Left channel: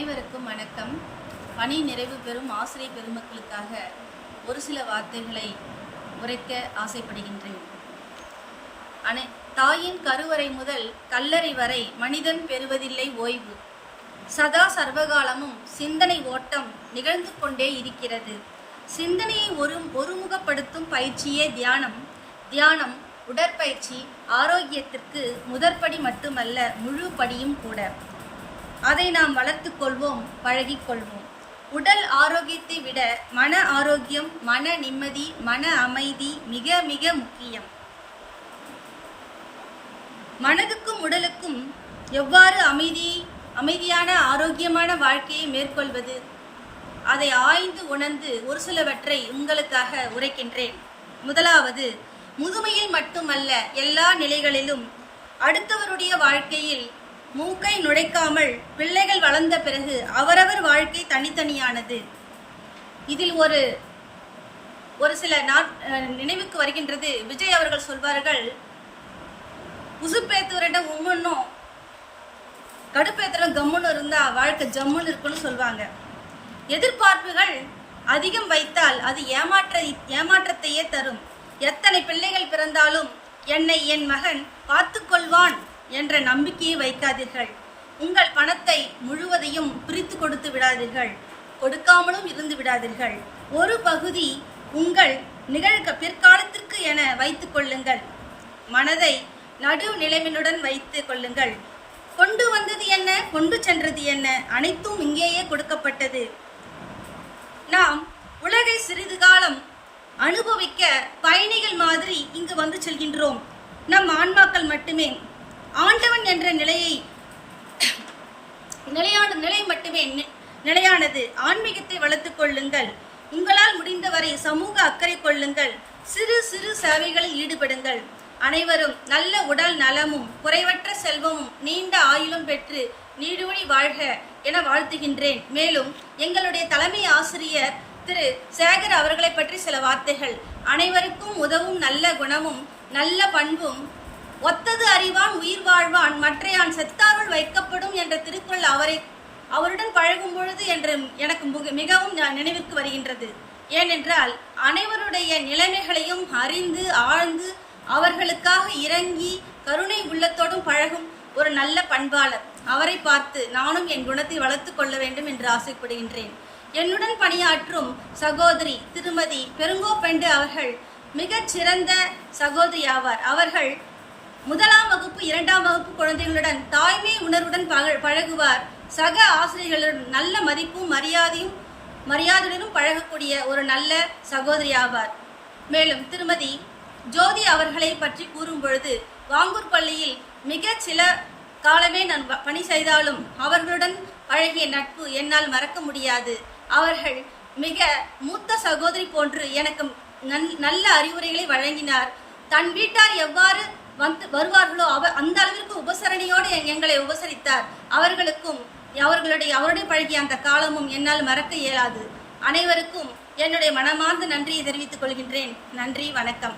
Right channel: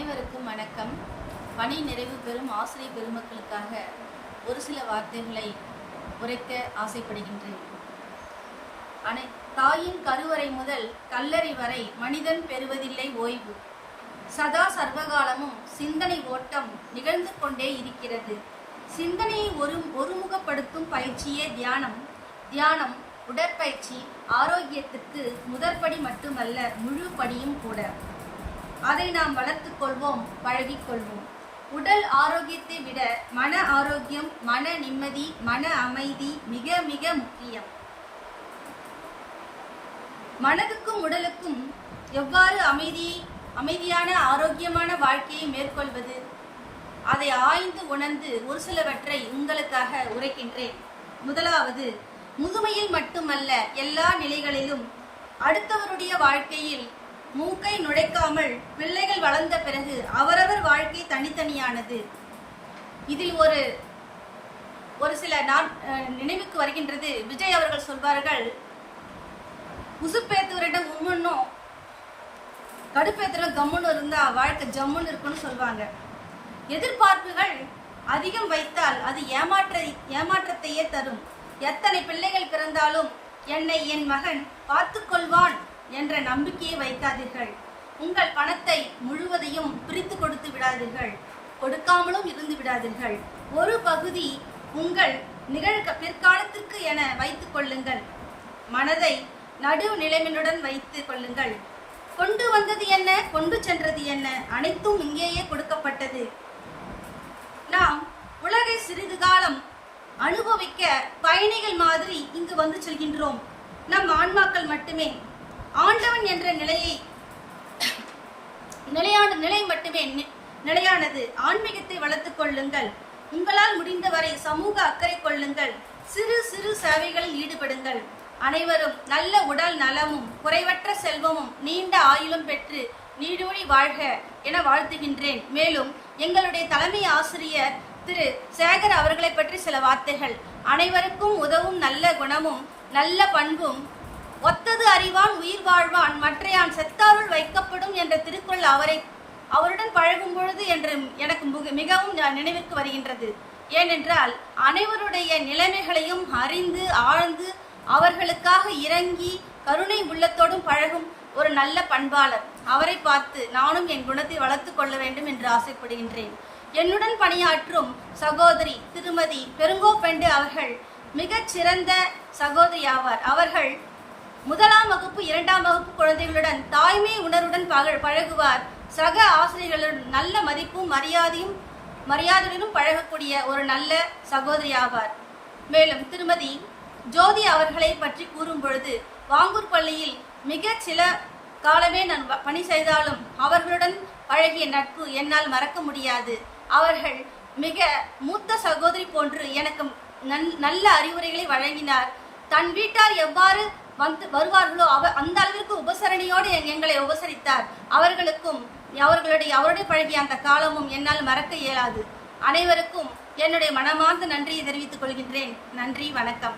அனைவருக்கும் வணக்கம். பணி நிறைவு பெறும் ஆசிரியர் பெருமக்களுக்காக ஒரு சில வார்த்தைகளை உரைக்க ஆசைப்படுகின்றேன். தாயின் கருவறை முதல் கல்லறை வரை மனிதன் பெறுவதில்லை ஓய்வு. சதா சர்வகாலமும் சிந்தனை ஓட்டம் நிகழ்ந்து கொண்டே இருக்கிறது. சிந்தனையை ஒருமுகப்படுத்தும் பயிற்சியே தியானம். தியானம் உடற்பயிற்சி ஆரோக்கியத்திற்கு முதற்படி மட்டுமல்ல, முழு படியும் கூட. அதை நாம் வளர்த்து கொள்வோம், பழகிக்கொள்வோம். உடல் ஆரோக்கியத்தை விட மன ஆரோக்கியம், மன நிம்மதி, மன அமைதி மிக மிக முக்கியம். மனதுக்கும் உடலுக்கும் எவ்வாறு அமைதியான ஆரோக்கியமான வாழ்க்கையை மேற்கொள்வது, அதை ஆய்ந்து உணர்ந்து ஒரு சிலவற்றை உங்களுக்காக உரைக்கின்றேன். முதலாவது, முதுமையில் மட்டுமல்ல எல்லா நிலைகளிலும் அடுத்தவருடைய வாழ்க்கையில் மூக்கை நுழைக்காமல் பிள்ளைகள் வளர்ந்த பிறகு அவரவர் வாழ்க்கை தனித்தனியானது. இதில் ஒரு சில நினைவுக்கு வருகின்றது. விஜய் அவர்கள் சொல்வார்கள், உசுப்பேத்துவரிடம் உம்முன்னும் கடுப்பேத்துற கம்முன்னு இருந்தா வாழ்க்கை ஜம்முன்னு இருக்குன்னு சொல்லுவாங்க. எதிர்பார்ப்புகள் அதிகம் வைத்தால் அது ஏமாற்றத்தையே தரும். எத்தனை பிள்ளைகள் பிறந்தாலும் என்னை என் மகன் பார்த்து கொள்வான் என்ற நம்பிக்கையை வைக்காதீர்கள். உங்கள் பணத்தை முழுவதையும் பிரித்து கொடுத்து விடாதீர்கள், கொடுக்காமலும் இருந்து விடாதீர்கள். ஒரு பகுதி உங்கள் பிற்காலத்திற்கு என வைத்துக் கொள்ளுங்கள். மனதை நடு நிலைமையுடன் வைத்து கொள்ளுங்கள். கொண்டு வந்தது என்ன, கொண்டு சென்றது என்ன, அனைத்தும் இங்கேயே கொடுக்கப்பட்டது. நாம் உலகை சிறிது காலம் அனுபவிக்க பயணிகள் மாதிரி இங்கு வந்து செல்கின்றோம். நம் ஆன்மாக்கள் மட்டுமே ஆண்டவன் என்ற நிலை மட்டுமே நிலையானது. ஆன்மீகத்தை வளர்த்து கொள்ளுங்கள். உங்களால் முடிந்தவரை சமூக அக்கறை கொள்ளுங்கள். சிறு சிறு சேவைகளில் ஈடுபடுங்கள். அனைவரும் நல்ல உடல் நலமும் குறைவற்ற செல்வமும் நீண்ட ஆயுளும் பெற்று நீடூழி வாழ்க என வாழ்த்துகின்றேன். மேலும் எங்களுடைய தலைமை ஆசிரியர் திரு சேகர் அவர்களை பற்றி சில வார்த்தைகள். அனைவருக்கும் உதவும் நல்ல குணமும் நல்ல பண்பும் ஒத்தது அறிவான் உயிர் வாழ்வான் மற்றையான் செத்தாருள் வைக்கப்படும் என்ற திருக்குறள் அவருடன் பழகும் பொழுது என்று எனக்கு மிகவும் நினைவிற்கு வருகின்றது. ஏனென்றால் அனைவருடைய நிலைமைகளையும் அறிந்து ஆழ்ந்து அவர்களுக்காக இறங்கி கருணை உள்ளத்தோடும் பழகும் ஒரு நல்ல பண்பாளர். அவரை பார்த்து நானும் என் குணத்தை வளர்த்து கொள்ள வேண்டும் என்று ஆசைப்படுகின்றேன். என்னுடன் பணியாற்றும் சகோதரி திருமதி பெருங்கோப்பெண்டு அவர்கள் மிகச் சிறந்த சகோதரி ஆவார். அவர்கள் 1ஆம் வகுப்பு 2ஆம் வகுப்பு குழந்தைகளுடன் தாய்மை உணர்வுடன் பழகுவார். சக ஆசிரியர்களுடன் நல்ல மதிப்பும் மரியாதையுடனும் பழகக்கூடிய ஒரு நல்ல சகோதரி ஆவார். மேலும் திருமதி ஜோதி அவர்களை பற்றி கூறும் பொழுது, வாங்கூர் பள்ளியில் மிக சில காலமே நான் பணி செய்தாலும் அவர்களுடன் பழகிய நட்பு என்னால் மறக்க முடியாது. அவர்கள் மிக மூத்த சகோதரி போன்று எனக்கு நல்ல அறிவுரைகளை வழங்கினார். தன் வீட்டார் எவ்வாறு வருவார்களோ அந்த அளவிற்கு உபசரணையோடு எங்களை உபசரித்தார். அவருடைய பழகிய அந்த காலமும் என்னால் மறக்க இயலாது. அனைவருக்கும் என்னுடைய மனமார்ந்த நன்றியை தெரிவித்துக் கொள்கின்றேன். நன்றி, வணக்கம்.